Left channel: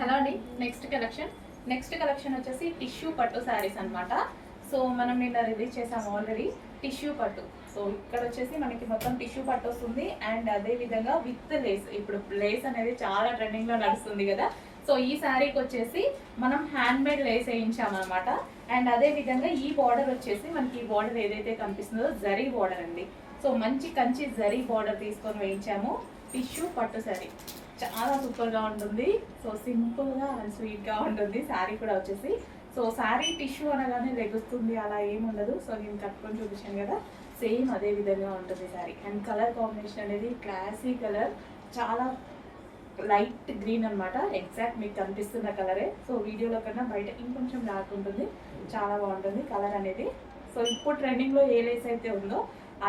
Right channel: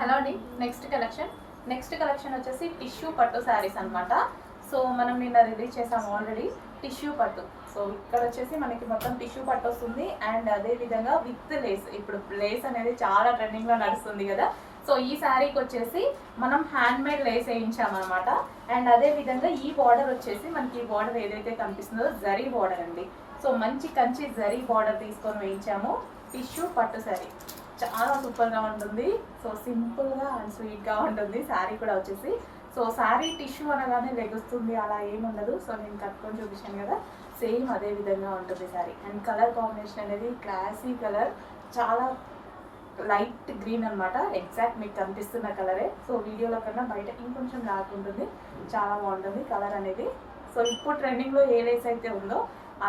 Hello అండి. Next collection వచ్చేసి tissue పట్టు శారీస్ అనమాట. సో మనం నిన్న రిలీజ్ చేసాము ఆల్రెడీ టిష్యూ పట్టు. సో ఇక్కడ వచ్చేసి మనకి మొత్తం టిష్యూ పట్టు వస్తుంది అండ్ అదే విధంగా విత్ లేస్. ఇప్పుడు లేస్ అనేది చాలా ట్రెండింగ్లో నడుస్తుంది కదా. సో ఈ శారీకి వచ్చేసి మనం హ్యాండ్ మేడ్ లేస్ వేయించామన్నమాట. అండ్ అదే విధంగా ఈ బార్డర్ వచ్చేసి మనకి ఈ బార్డర్ ఏదైతే కనిపిస్తుందో జరీ బార్డర్ అండి. సో మంచి కంచి జరీ బార్డర్ తీసుకొని వేయించాము. టిష్యూ పట్టు శారీ చాలా సూపర్గా ఉంటుంది. సో సింపుల్గా అండ్ స్వీట్గా ఉంటుంది శారీ కూడా వచ్చేసి. సో శారీ టిష్యూ అనగానే లెగుస్తుంది అలా ఏముండదు. సో నేను కట్టుకొని చూపించాను కదా, సేమ్ అదే విధంగా ఉంటుంది శారీ. అండ్ కలర్ కాంబినేషన్ అనేది క్లాసీ కలర్, చాలా లైట్ గ్రీన్ అనమాట. ఎగ్జాక్ట్ మీకు కనిపిస్తున్న కలరే. సో వీడియోలో కన్నా బయట ఇంకొంచెం డార్క్ ఉంటుంది, చాలా బాగుంటుంది కలర్ అనేది. సో ఇప్పుడు ట్రెండింగ్లో ఏ లేస్ అయితే ఉందో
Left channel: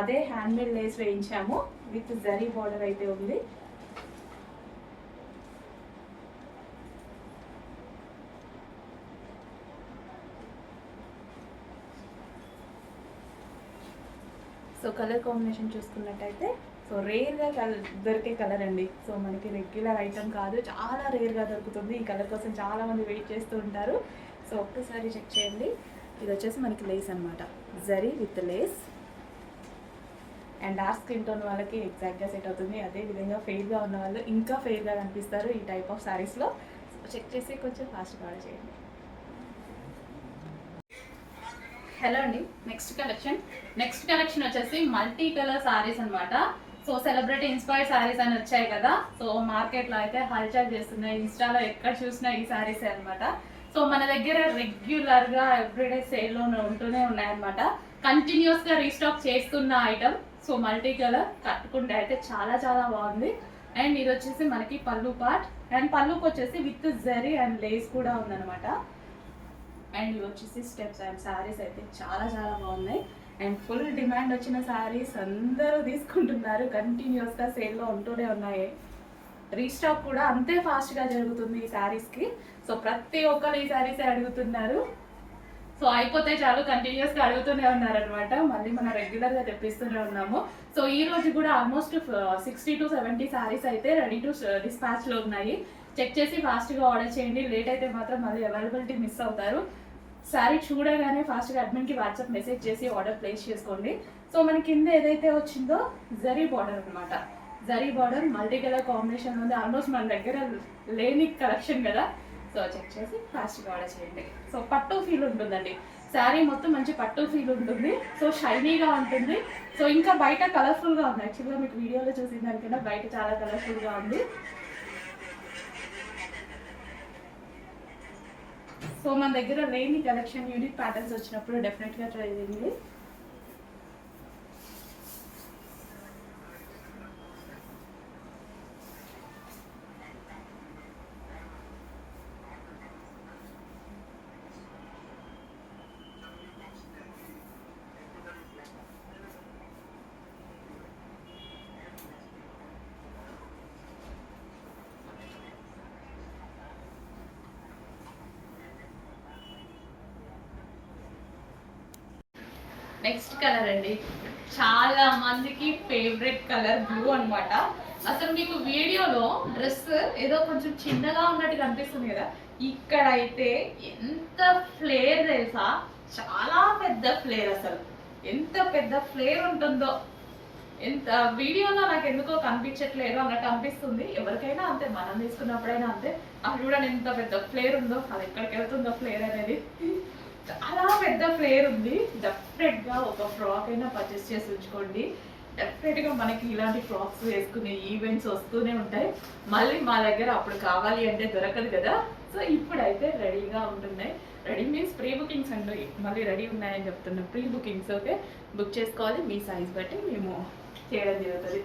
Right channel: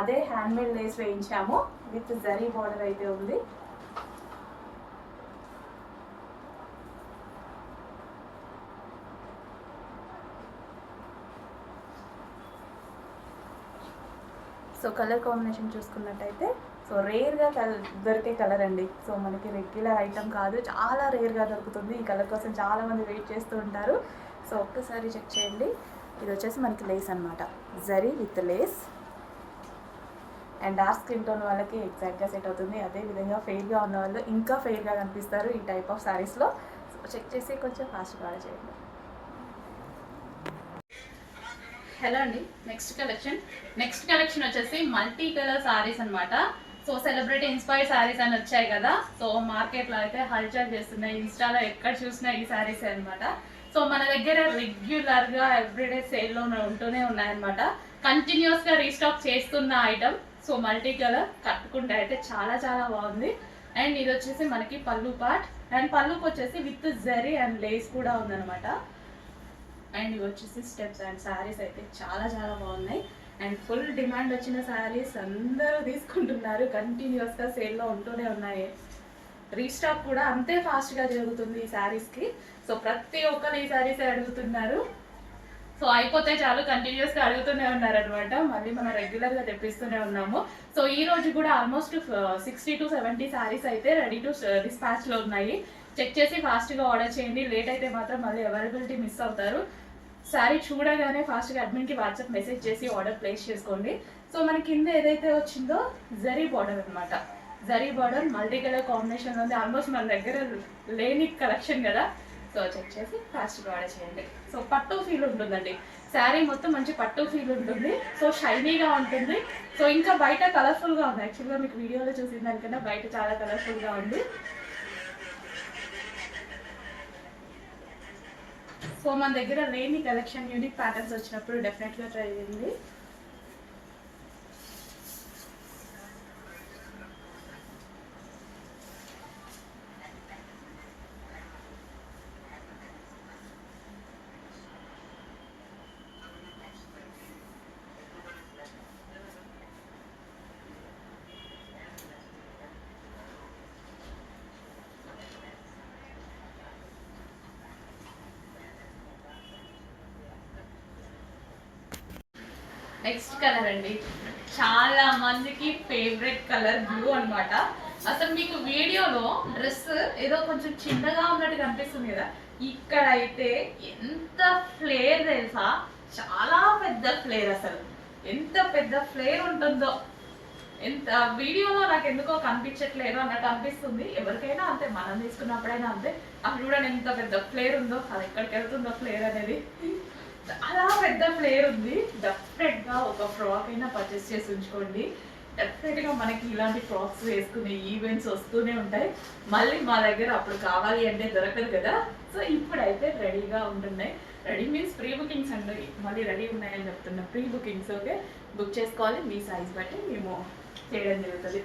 అదే హ్యాండ్మేడ్ లేస్ వేయించాము. విత్ జరీ బార్డర్ అయితే ఉంది. సో కలర్ కాంబినేషన్ చూసుకున్నట్టయితే సో రేర్గా దొరికే కలర్ అండి. సో మనకి రెగ్యులర్ ఐటమ్ కాదు, చాలా రేర్గా దొరుకుతుంది. ఈ కలర్ కోసం చాలామంది వెయిట్ చేస్తూ ఉంటారు. సో ఒక్కసారి చెక్ చేయండి. ఇది వచ్చేసి మనకి లేస్ అనమాట, zari with lace. And dark skin tone వాళ్ళకి ఎగ్జాక్ట్గా సెట్ అవుతుంది. అదేవిధంగా ఫెయిర్గా ఉన్న వాళ్ళు ఇంకా ఫెయిర్గా కనిపిస్తారు ఈ టైప్ ఆఫ్ శారీస్లో. సో చెక్ చేసి కొంచెం ఫాస్ట్గా చేయండి. హలో అండి. నెక్స్ట్ కలెక్షన్ వచ్చేసి మల్టీ కలర్ సారీస్ అనమాట. సో సెలబ్రిటీ ఇన్స్పైర్డ్ సారీస్ అని వచ్చాయి కదా. సో మార్కెట్లో అయితే హల్చల్ చేస్తున్నాయి, ఇన్స్టాలో ఎక్కడ చూసినా ఈ సారీసే అనమాట. సో మన దగ్గర రెగ్యులర్గా ఎవ్రీడే సేల్లో ఉంటూనే ఉన్నాయన్నమాట. కంటిన్యూస్గా రీస్టాక్ చేస్తున్న ఐటమ్. సో మల్టీ కలర్ కట్టుకుంటే అయితే చాలా చాలా బాగుంది. అండ్ ఇది వచ్చేసి మనకి పళ్ళు పార్ట్. అండ్ పళ్ళుకి వచ్చేసి విత్ జరీ అండ్ లేస్ కూడా ఉందన్నమాట. అండ్ ఇవి వచ్చేసి స్టెప్స్. అండ్ శారీస్ అయితే చాలా చాలా బాగున్నాయి. అండ్ ఫుల్ డిమాండ్ వచ్చిన శారీస్ అందరూ తీసుకుంటున్నారు, కంటిన్యూస్గా సేల్లో ఉంటూనే ఉన్నాయి. రీస్టాక్ కూడా అంతే ఫాస్ట్గా జరుగుతుంది ఈ శారీస్కి. సో ప్రతి ఒక్కరు ఈ శారీసే అడుగుతున్నారు. సో అయిపోతే చాలు కంటిన్యూస్గా అడుగుతూనే ఉన్నారనమాట. మళ్ళీ మనం రెగ్యులర్గా తెప్పిస్తూనే ఉన్నాము. సో ఈ రోజు కూడా ఆల్మోస్ట్ 60 to 70 శారీస్ అయితే రెడీ టు డిస్పాచ్లో ఉన్నాయి. చెక్ చేసి ఫాస్ట్గా ఆర్డర్ చేయండి. లేట్ అయితే మాత్రం మళ్ళీ అవైలబిలిటీ మిస్ అవుతారు. శారీ చూడగానే ఫాస్ట్గా అడ్మిన్కి వాట్సాప్ మెసేజ్ చేసి ఆర్డర్ ప్లేస్ చేసుకోండి. సో మన కింద ఏదైతే వచ్చిందో జరీ బార్డర్ అనమాట. Zari border multi colour combination ఉంది. ఆల్మోస్ట్ మన దగ్గర లేని కలెక్షన్ కదా. సో చెక్ చేసి ఫాస్ట్గా ఆర్డర్ చేయండి. సో పట్టు ఫీల్ ఉంటుందండి శారీ మొత్తం, మంచి పట్టు ఫీల్ ఉంటుంది. సో షైనీగా ఉంటుంది. సో ఇంకా బయట కలర్ఫుల్గా ఉంది. యాక్చువల్గా మీకు వీడియోలో చూసిన దానికన్నా బయట చాలా కలర్ఫుల్గా ఉంది. సో మన దగ్గర లేని కలెక్షన్, యూనిక్ ప్యాటర్న్స్ వచ్చినప్పుడు డెఫినెట్గా ట్రై చేయండి. నెక్స్ట్ కలర్ అండి, చాలా మందికి ఫేవరెట్ కలర్ బ్లూ అనమాట. అసలు మీకు వీడియోలో డ్రెస్ ఏదో కొంచెం చిన్నగా ఉన్నట్టు కనిపిస్తుంది కదా, ఇక్కడ అయితే ఎంత ఫ్లేర్ తెలుసా, చాలా పెద్ద ఫ్లేర్. అసలు ఎంత పెద్ద ఫ్లేర్ ఉంటుందో ఎంత వీడియోలో నాకు ఎందుకో కనిపించట్లేదు అన్నట్టు అనిపిస్తుంది. ఎవరికైనా అంతే, మనం తీసుకున్నప్పుడైనా అంతే. అసలు చూడండి ఎంత పెద్ద ఫ్లేర్ ఉందో, అది ఎక్కడికి వెళ్తుందో ఫ్లేర్ అనేది. చాలా పెద్ద ఫ్లేర్ ఉంది. డెఫినెట్గా ఒక ఫ్రాక్ అయినా పర్చేస్ చేసి ఉంచుకోండి. డెఫినెట్గా మనకి ఇలాంటి ఫ్రాక్స్ వేసుకునే ఈవెంట్స్ వస్తూనే ఉంటాయి. మళ్ళీ మా దగ్గర అప్పుడు కావాలి అంటే దొరకదు కదా. సో ఇప్పుడైతే రెడీగా ఉంటున్నాయి. రెడీ మీన్స్ ప్రీ బుకింగ్స్ అండి, మళ్ళీ రెడీ ఉన్నాయని చెప్తున్నాం. ప్రీ బుకింగ్స్ ఓకే, బుక్ చేసుకోవాలి. మీ సైజ్ బట్టి మేము చేయడం జరుగుతుంది.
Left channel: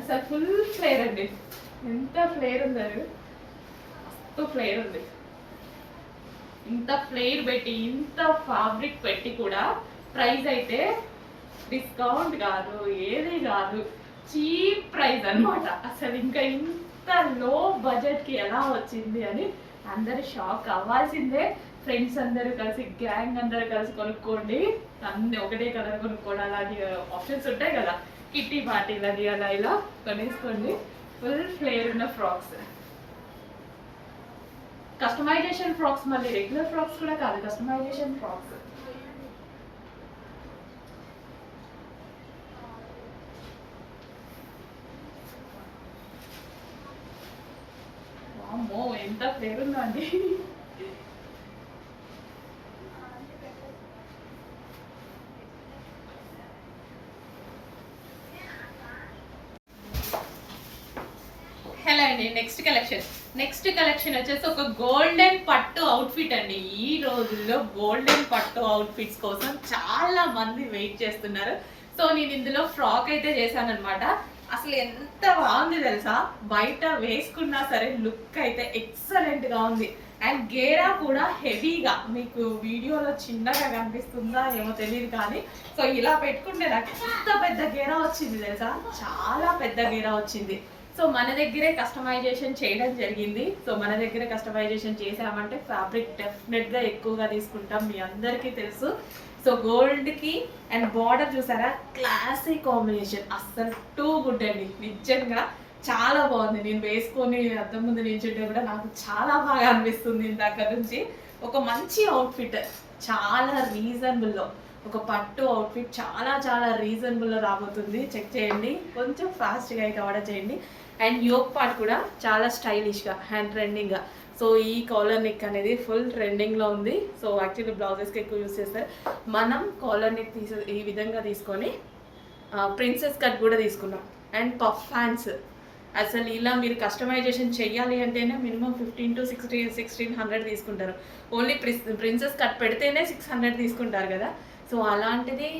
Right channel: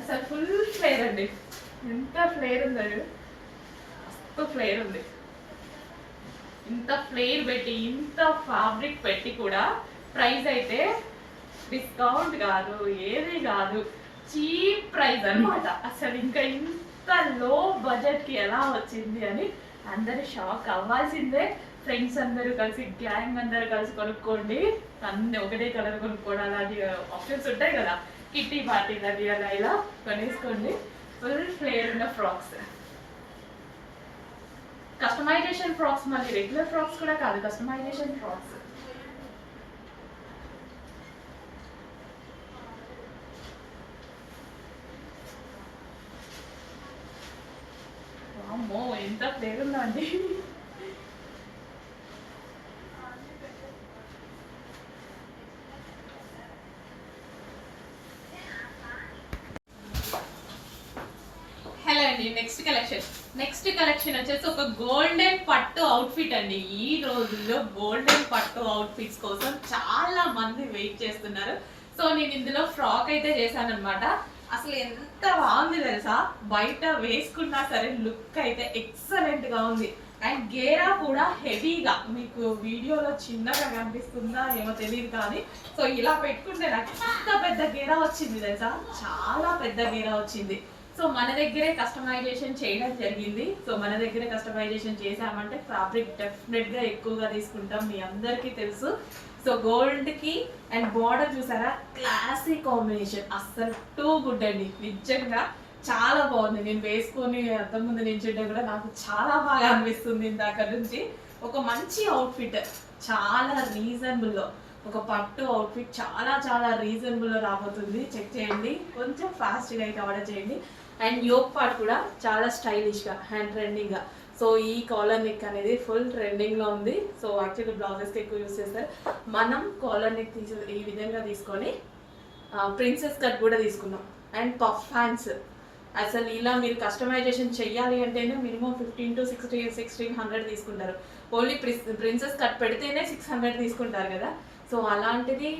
అసలు ఫుల్ ఫ్లేర్ అండి, ఎంత ఫ్లేర్ ఉందండి, ఫ్లేర్ ఉంది. ఇంత ఫ్లేర్ పెట్టి, ఇంత ఫ్యాబ్రిక్ పెట్టి కూడా ప్రైస్ అయితే డిస్కౌంట్ కాదు, ఏది కాదు, చీప్ ప్రైస్ అనమాట. అసలు ఇంకా ఇంత లో బడ్జెట్కి ఎలా వచ్చింది అని అందరు షాక్ అవ్వాల్సిందే. ఫ్రెండ్స్ అందరూ కలిసి, గ్యాంగ్ అందరూ కలిసి కొనుక్కోండి. అన్నీ ఒకటే కలర్ కొనుక్కోవడం అలాంటి ఆప్షన్స్ ఉంటాయి కదా. కిట్టి పార్టీ అది అలా ఇలా కొనేసుకోండి. ఫుల్ ఫ్లేర్ ఉన్న ఫ్రాక్స్, కస్టమైజేషన్ ఫ్రాక్స్, మళ్ళీ రెగ్యులర్ ఫ్రాక్స్ కూడా కాదు, కస్టమైజేషన్ ఫ్రాక్స్. అమ్మో ఎంత ఫ్లేర్ ఉందా అండి. హలో అండి, నెక్స్ట్ కలెక్షన్ వచ్చేసి ఒక గోల్డెన్ పట్టు అవుట్ఫిట్ అండి. ఈ రోజుల్లో గోల్డెన్ పట్టు అవుట్ఫిట్స్ కోసం చాలా మంది వెయిట్ చేస్తున్నారు. సో నేను ఇందులో ఫ్రాక్ అయితే చేశాను అనమాట. అసలు ఎంత బాగుంది తెలుసా, బయట వేసుకున్నా సరే లుక్ అయితే ఎక్సలెంట్ గా ఉంది. అండ్ గేరా కూడా హెవీగా, మీకు వీడియోలో చిన్నగా కనిపిస్తుందా ఏమో తెలియదు కానీ, సో ఇలా పెట్టుకుంటే నాకు ఎంత పెద్ద గేరా వచ్చింది తెలుసా, చాలా పెద్ద గేరా వచ్చింది. సో మన దగ్గరే కస్టమైజేషన్ చేయడం జరిగింది. సో మన దగ్గరే కస్టమైజేషన్ చేసామంటే ఫ్యాబ్రిక్ డెఫినెట్ గా ఎక్కువగా తీసుకుంటాం, మీ అందరికీ తెలుసు. సో గోల్డ్ కి అండ్ బార్డర్ చూసారా, క్లాసీ కాంబినేషన్, అస్సలు టూ గుడ్ అండి. నిజంగా చాలా బాగుంది. నేను వేసుకొని అద్దం ముందు నిల్చుంటే కూడా నాకు చాలా బాగా అనిపిస్తుంది. ఇందాక నుంచి ఒక మంచి అవుట్ఫిట్, చాలా రీజనబుల్లో ఒక పట్టు అవుట్ఫిట్ చాలా చాలా రీజనబుల్లో రాబోతుంది. చెక్ చేయండి, కొంచెం ఫాస్ట్గా అయితే ఆర్డర్ చేయండి. అండ్ యోక్ పార్ట్ కూడా చాలా స్టైలిష్గా అండ్ ట్రెండింగ్గా. సో ఈ కాలర్ నెక్ అనేది ఫుల్ ట్రెండింగ్లో ఉంది. సో యాక్చువల్లీ బ్లౌజెస్కి ఎక్కువ యూస్ చేస్తారు. మనం కాలర్ నెక్ ఈ విధంగా తీసుకొని ప్రిన్సెస్ కట్ కూడా తీసుకున్నాం. అండ్ పఫ్ హ్యాండ్స్, అసలు ఇలా మీరు కస్టమైజేషన్ చెయ్యాలి అంటేనే మినిమం 15 to 1600 తీసుకుంటారు. ఓన్లీ ప్రిన్సెస్ కట్ పెడితేనే 600 తీసుకుంటారు కదా. సో అలాంటిది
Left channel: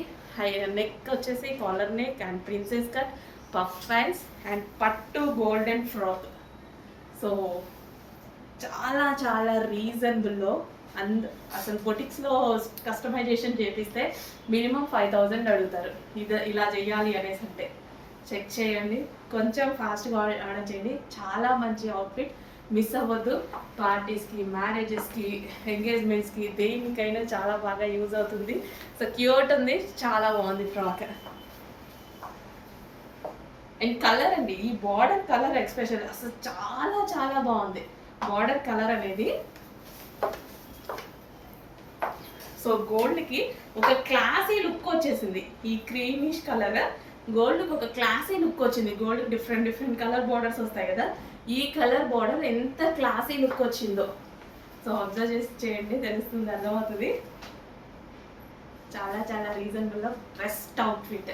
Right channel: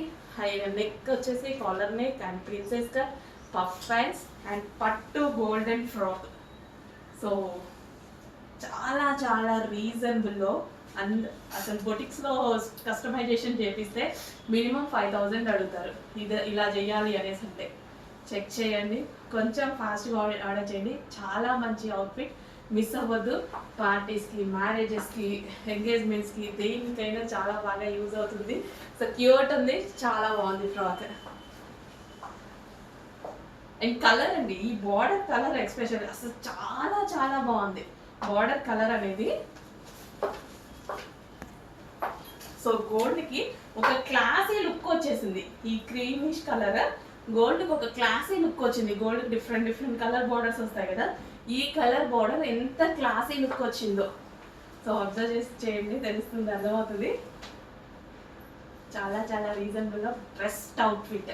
నెక్ వచ్చేసి collar neck and princess cut, puff hands and పట్టు గోల్డెన్ ఫ్రాక్. సో చాలా చాలా రీజనబుల్లో. అండ్ అసలు బొటిక్స్లో కస్టమైజేషన్ చేపిస్తే మినిమం 5000 అడుగుతారు ఇలా చేయాలి అనేసి. అంటే చెక్ చేయండి, కొంచెం ఫాస్ట్గా ఆర్డర్ చేయండి. చాలా మంచి అవుట్ఫిట్, మిస్ అవ్వద్దు. పార్టీస్కి, మ్యారేజెస్కి, ఎంగేజ్మెంట్స్కి, దేనికైనా చాలా బాగా యూజ్ అవుతుంది. సో క్యూట్ ఉంది, చాలా బాగుంది ఫ్రాక్. అండ్ కలర్ అండి, ఈ బార్డర్ కలర్ ఎక్స్పెషల్ అసలు చాలా చాలా బాగుంది. బార్డర్ కలర్ అనేది సో గోల్డ్కి ఒక క్లాసీ లుక్ వచ్చేసింది. ఈ క్రీమిష్ కలర్ గోల్డ్కి ఒక క్లాసీ లుక్ వచ్చింది. గోల్డ్కి డిఫరెంట్ కలర్ బార్డర్స్ వస్తాయి కదా, ఈ కలర్ బార్డర్ ఎంత క్లాసీ లుక్ వచ్చిందో. సో అబ్జర్వ్ చేసి చేయండి, తెలుస్తుంది, అర్థమవుతుంది. చాలా చాలా రీజనబుల్గా బెస్ట్ అవుట్ఫిట్.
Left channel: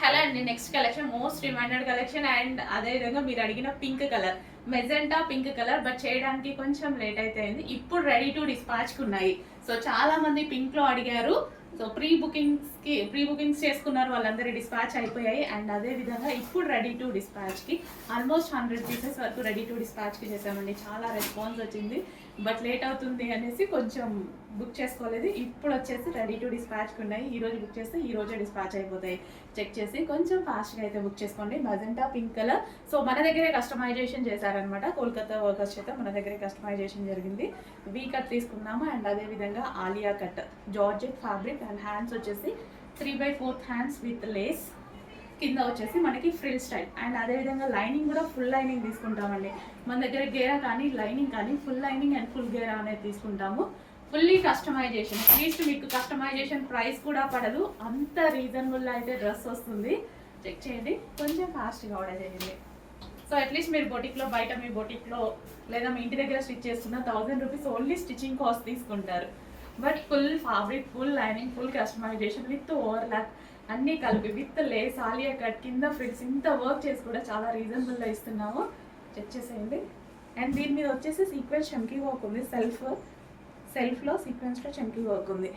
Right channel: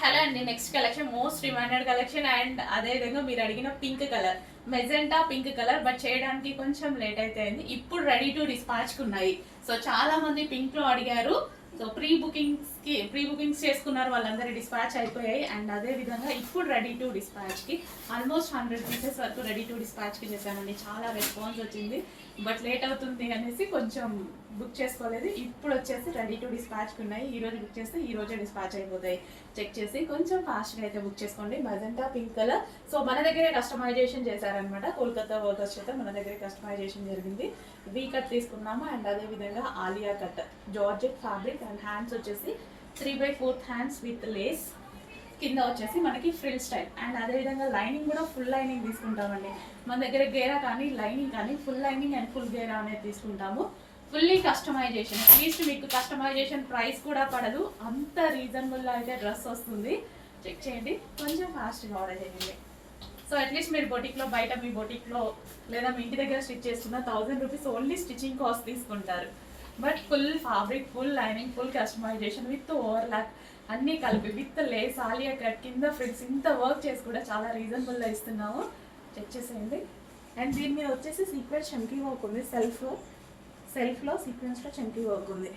హలో అండి, next collection most demanded collection. And అదేవిధంగా మీరు అడిగిన pink colour, magenta pink colour, but చేయడానికి కొంచెం లేట్ అయితే అయింది. ఇప్పుడు రెడీ టు డిస్పాచ్కి ఉన్నాయి. సో చాలా మంది పింక్లో అడిగారు. సో ప్రీ బుకింగ్స్ చేసుకున్నారు, వాళ్ళందరూ డిస్పాచ్ అయిపోయాయి. అండ్ అదేవిధంగా ఇప్పుడు రెడీ టు డిస్పాచ్కి ఆల్మోస్ట్ 100 పీసెస్ వరకు రెడీ టు డిస్పాచ్కి చేశామండి. చాలా రెస్పాన్స్ వచ్చింది, బట్ లేట్ అవుతుంది అనేసి కొంచెం బుక్ చేసుకోలేదు. ఇప్పుడు వచ్చేసి రెడీ టు డిస్పాచ్కి ఉన్నాయి. ఈరోజు బుక్ చేస్తే ఈ రోజే డిస్పాచ్ అయిపోతాయి. చెక్ చేసి కొంచెం ఫాస్ట్గా అయితే బుక్ చేసుకోండి. Magenta pink colour. సో మన దగ్గరే కస్టమైజేషన్ చేశారనమాట, కోల్కతా వర్కర్స్ చేత మన దగ్గరే కస్టమైజేషన్ జరిగింది. వీ కట్ తీసుకున్నాము. అండ్ అదేవిధంగా Alia cut, georgette fabric. And hands వచ్చేసి 3/4 హ్యాండ్స్ విత్ లేస్, కింద వచ్చేసి మనకి ఫ్రిల్ స్టైల్. అండ్ అదేవిధంగా లైనింగ్ కూడా ఫుల్ లైనింగ్ తీసుకుంటామండి. మన దగ్గర గేరా కానీ లైనింగ్ కానీ ఫుల్ లైనింగ్ అండ్ ఫుల్ గేరా అనేది తీసుకుంటాము. ఫుల్లీ కస్టమైజేషన్, అట్లీస్ట్ మీకు కస్టమైజేషన్ ప్రైస్ కూడా పడదు, అంత రీజనబుల్లో అయితే డ్రెస్ వస్తుంది. చెక్ చేయండి, కొంచెం ఫాస్ట్గా ఆర్డర్ చేయండి. సో అట్లీస్ట్ మీరు బొటిక్లో, బయట మీ బొటిక్లో లేదా మీ ఇంటి దగ్గర స్టిచ్ చేసుకున్న 1000 రూపీస్ ఓన్లీ స్టిచ్చింగ్ కాస్ట్ తీసుకుంటారు. But full fabric, full lining, full customization with overlock అన్నీ కలిపి విత్ లేస్, ఆలియా కట్, కింద ఫ్రిల్స్, ఇంత వర్క్ చేసి కూడా చాలా రీజనబుల్లో ఇస్తున్నాము. చెక్ చేసేయండి. అండ్ దీని మీద వచ్చేసి సీక్వెన్స్ చమ్కీ వర్క్ ఉంది. సెల్ఫ్లో సీక్వెన్స్లో చమ్కీ వర్క్ ఉంది.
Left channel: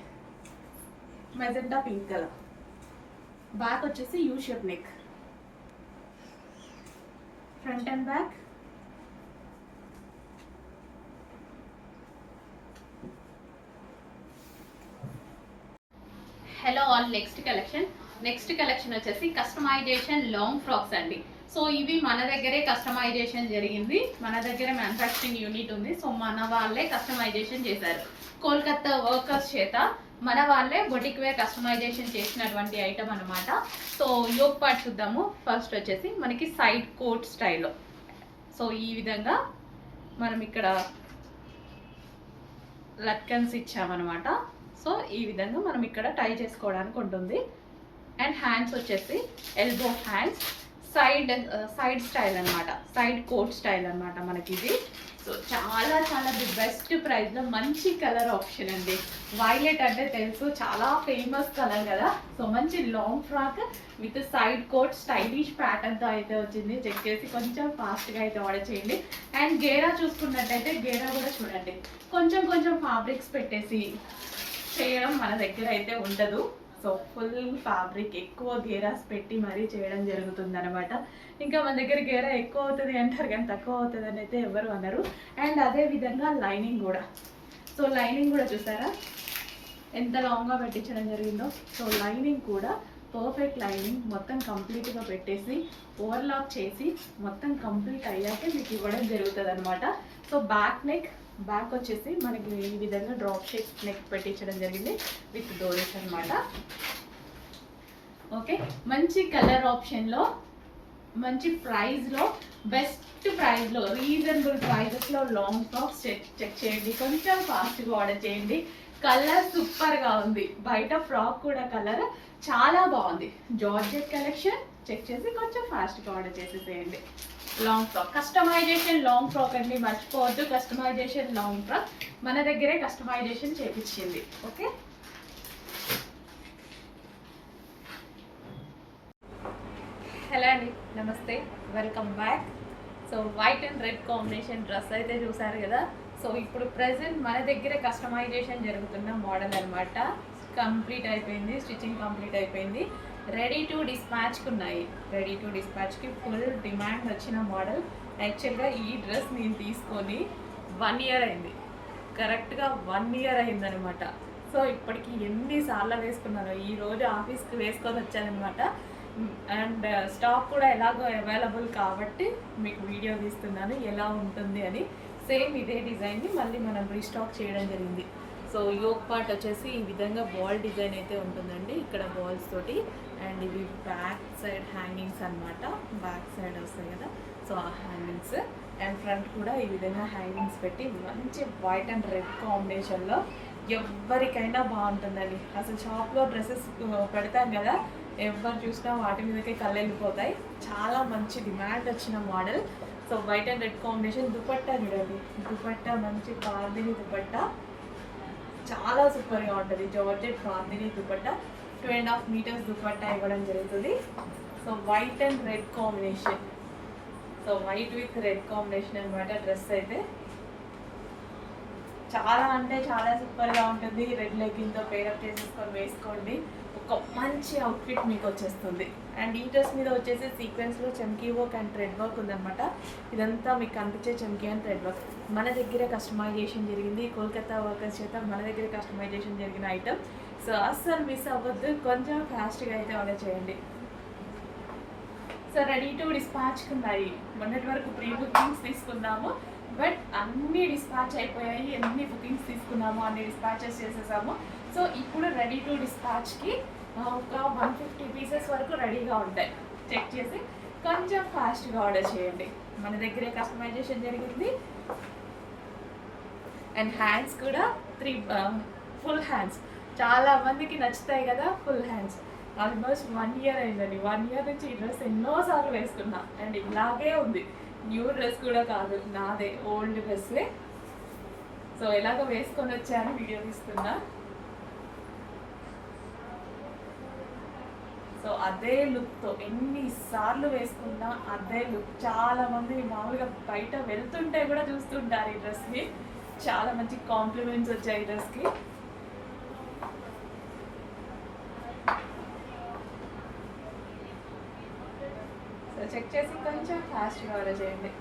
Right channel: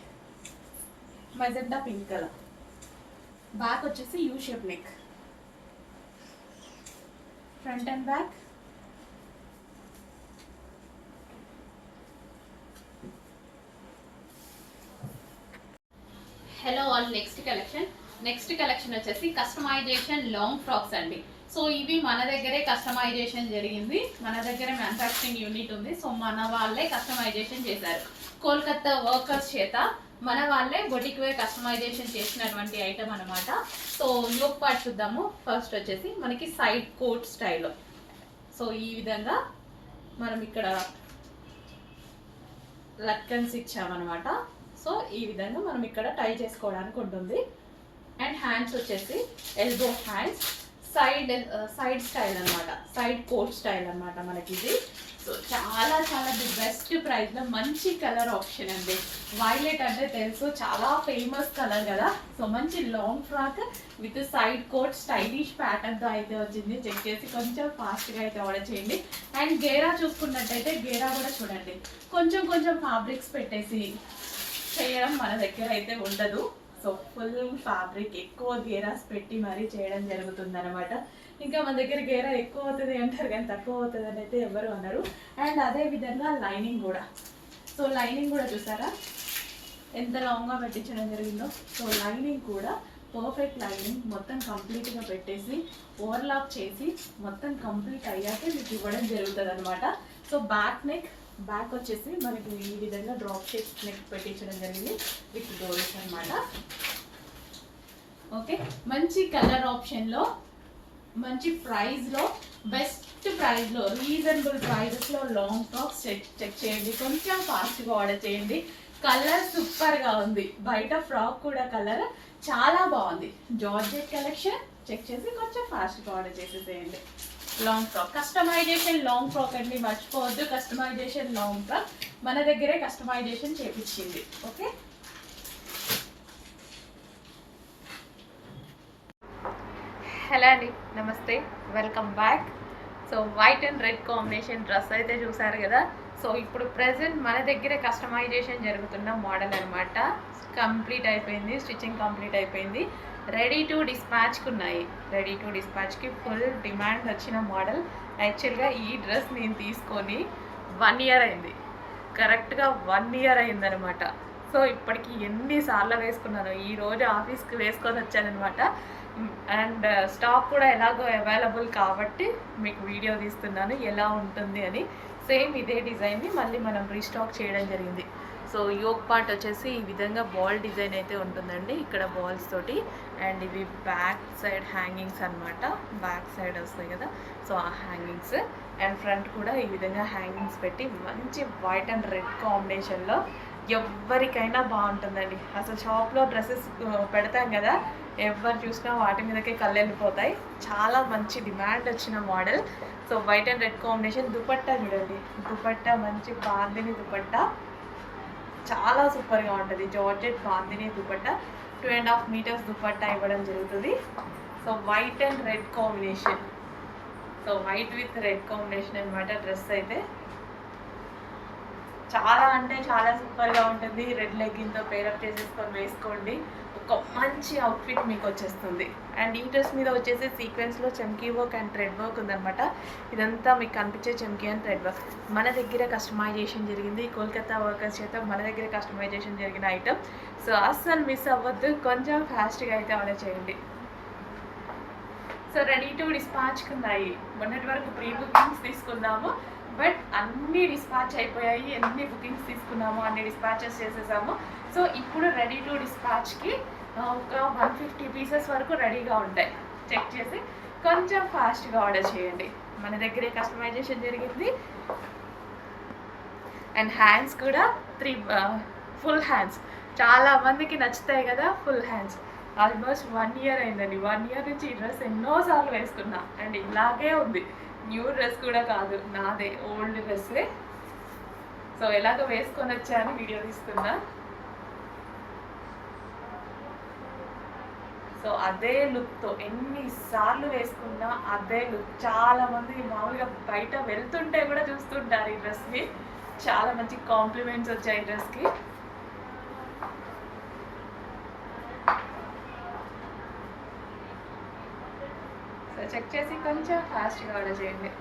Magenta pink colour. బ్యాక్ వచ్చేసి U shape neck, front and back. Hello all, next collection వచ్చేసి కస్టమైజేషన్ లాంగ్ ఫ్రాక్స్ అండి. సో ఇవి మన దగ్గరే కస్టమైజేషన్ జరిగింది, మన దగ్గరే మ్యానుఫ్యాక్చరింగ్ యూనిట్ ఉంది. సో మన వాళ్ళే కస్టమైజేషన్ చేశారు కోల్కతా వర్కర్స్ చేత. మన వాళ్ళే బొటిక్ వేర్ కస్టమైజేషన్ చేసినటువంటి ఐటమ్ అనమాట. సో యోక్ పార్ట్ చూద్దాము. ఫస్ట్ వచ్చేసి మనకి సైడ్ కోట్ స్టైల్లో. సో ఈ విధంగా మనం ఇక్కడ లట్కన్స్ ఇచ్చామన్నమాట. సో ఈ విధంగా మనం ఇక్కడ టై చేసుకోవడానికి ఉంటుంది. అండ్ హ్యాండ్స్ వచ్చేసి ఎల్బో హ్యాండ్స్, సైడ్ స్టైల్ అనమాట, సైడ్ కోట్ స్టైల్ అనమాట మనకి ఇది. సో చాలా చాలా ది బెస్ట్ ప్రైస్లో మంచి కలర్ ఆప్షన్ అండి. వైలెట్ అంటే తెలుసు, చాలా ఫేమస్ కలర్ కదా. సో మంచి long frock with side coat stylish ప్యాటర్న్తో అయితే వచ్చింది. చెక్ చేసి కొంచెం ఫాస్ట్గా అయితే ఆర్డర్ చేయండి. అండ్ గేరా చూసుకున్నట్టయితే గేరా కూడా చూడండి, కొంచెం కొంచెం ఫ్యాబ్రిక్స్ పెట్టేసి చేయడం మన దగ్గర అయితే ఉండదు. సో ఫుల్ ఫ్యాబ్రిక్ ఎక్కువ గేరాస్ పెట్టి మరీ చేయడం జరుగుతుంది అనమాట. ఇంకా మన దగ్గర గేరా ఎక్కువ అవుతుంది అంటారు కానీ తక్కువ అవుతుంది అని అయితే ఎవరు అన్నారు. అండ్ అదే విధంగా లైనింగ్ కూడా, సో లైనింగ్ కూడా చూసారా ఎంత లాంగ్గా పెట్టించడం జరిగిందో. సో లైనింగ్ కూడా పర్ఫెక్ట్ లైనింగ్ మొత్తం కంప్లీట్గా పెట్టేసి ఓవర్లాక్ చేసి మొత్తం కంప్లీట్ అయ్యాకే మీకు ఇవ్వడం జరుగుతుంది అనమాట. సో బ్యాక్ వచ్చేసి మనకి ఈ విధంగా డ్రాప్ షేప్ నెక్ పెట్టించడం జరిగింది విత్ డోరీస్ అనమాట. ఓకే, మంచి కలర్ ఆప్షన్లో, మంచి ప్రైస్లో, బెస్ట్ ప్రైస్లో, రీజనబుల్ ప్రైజెస్లో లాంగ్ ఫ్రాక్స్ చెక్ చేయండి. కొంచెం ఫాస్ట్గా ఆర్డర్ చేయండి. కలర్ సూపర్గా ఉంది. బయట ఫ్రాక్ కూడా కలర్ చాలా బాగుంది. జార్జెట్ కలెక్షన్ చెక్ చేసి కొంచెం ఫాస్ట్గా ఆర్డర్ చేసేసేయండి. Long frock customization, long frock అండి, మర్చిపోవద్దు. కస్టమైజేషన్ లాంగ్ ఫ్రాక్ మన దగ్గరే కస్టమైజేషన్ చేపించింది. ఓకే, హలో అండి, నమస్తే, welcome back. So white and red combination dress అయితే చూసారు కదా. సో ఇప్పుడు ప్రెసెంట్ మన దగ్గర కస్టమైజేషన్ జరుగుతున్న మోడల్ అనమాట. కంప్లీట్ అయిపోయింది, స్టిచ్చింగ్ కంప్లీట్ అయిపోయింది. రెడీ టు డిస్పాచ్కి ఉన్నాయి. రెడీ టు డిస్పాచ్కి ఫుల్ డిమాండ్ వచ్చిన మోడల్. యాక్చువల్గా ఈ డ్రెస్ నేను తీసుకొని 1 ఇయర్ అయింది, కరెక్ట్గా 1 ఇయర్ అయిందనమాట. సో ఇప్పటికి ఎన్నిసార్లు వేసుకున్నాను. ఈరోజు ఆఫీస్కి వేసుకొని వచ్చానమాట. అండ్ స్టాక్ కూడా ఎలాగో అవైలబుల్ కాబట్టి మీకు వీడియో తీస్తున్నాను ఎలా ఉంటుంది అని. సేమ్ ఇదే డిజైన్ని మళ్ళీ మనం రీస్టాక్ చేయడం జరిగింది. సో యోక్ పార్ట్ వచ్చేసి ఈ విధంగా బాల్ డిజైన్ అయితే ఉంటుందండి, ఇక్కడ బాల్స్ తోటి. అండ్ ఇవి బ్యాక్ సైడ్ హ్యాంగింగ్స్ అనమాట, బ్యాక్ సైడ్ వస్తాయి కదా. సో ఆ హ్యాంగింగ్స్ అండ్ ఫ్రంట్ కూడా ఈ విధంగా హ్యాంగింగ్స్ పెట్టి మంచి వైట్ అండ్ రెడ్ కాంబినేషన్లో ఎవరికైనా బాగుంటుందండి. అసలు షాప్లో డ్రెస్సెస్ పెడతాం కదా, ఎవరు చూసినా వాటి మీదకే కళ్ళు వెళ్ళిపోతాయి. చాలా మంచి డిమాండ్ వచ్చిన model. So white and red combination. Dupatta చూడండి, దుపట్టా మంచి బాందిని దుపట్టా, చాలా సూపర్గా ఉంటుంది. జార్జెట్ బాందిని దుపట్టా, 2.5 మీటర్స్ దుపట్టా ఇవ్వడం జరుగుతుంది. So white and red combination, so white with red combination అనమాట డ్రెస్ అయితే. చాలా అంటే చాలా సూపర్గా ఉంటుంది. రెడ్ లెగ్గిన్తో పేరప్ చేసేసుకొని వేసుకోండి, ఒక మంచి అవుట్ఫిట్ మీకు వచ్చేస్తుంది. అండ్ ఈ డ్రెస్ మీద వచ్చేసి సీక్వెన్స్లో చమ్కీ వర్క్ అండ్ థ్రెడ్ వర్క్ ఉందన్నమాట. ఇదంతా మీకు కనిపించే చమ్కీ అండ్ థ్రెడ్ వర్క్ మన దగ్గర కస్టమైజేషన్ జరిగింది. కోల్కతా వర్కర్స్ చేత మన దగ్గర కస్టమైజేషన్ జరిగిన ఐటమ్. సో అస్సలు మిస్ అవ్వద్దు, కొంచెం ఫాస్ట్గా అయితే ఆర్డర్ చేయండి. సో రెడీ టు డిస్పాచ్కి ఉన్నాయి. మొన్నటి వరకు ప్రీ బుకింగ్స్ తీసుకున్నాము, బట్ అన్నీ డిస్పాచ్ అయిపోయాయి. ఎన్ని బుకింగ్స్ తీసుకున్నామో అన్ని డిస్పాచెస్ చేసేసాము. సో ఇప్పుడు రెడీ టు డిస్పాచ్కి ఒక 150 పీసెస్ వరకు రెడీగా ఉంటాయి. చెక్ చేసి కొంచెం ఫాస్ట్గా ఆర్డర్ చేయండి. మన దగ్గరే కస్టమైజేషన్ జరిగింది. అండ్ హ్యాండ్స్ కూడా 3 ఫుల్ హ్యాండ్స్ చాలా మందికి నచ్చుతాయి కదా. ఫుల్ హ్యాండ్స్ ఆల్మోస్ట్ 1 ఇయర్ అయిందండి. 1 ఇయర్ నుంచి ఈ డ్రెస్ ఎన్నోసార్లు వేసుకున్నా. అండ్ ఇలాగే ఉంది, న్యూ డ్రెస్ కూడా కాదు, నాదే ఓల్డ్ డ్రెస్సే. సో ఎలాగ వేసుకొని వచ్చాను వీడియో తీస్తున్నా. సో అదే లుక్తో ఎన్నిసార్లు వేసుకున్నా అదే లుక్. చాలామంది మామూలుగా బయట వెళ్తుంటే కూడా చూస్తుంటారు ఈ డ్రెస్ని. చాలా మంచి కాంప్లిమెంట్స్ వచ్చాయి ఈ డ్రెస్కి. సో చెక్ చేసి కొంచెం ఫాస్ట్గా ఆర్డర్ చేయండి.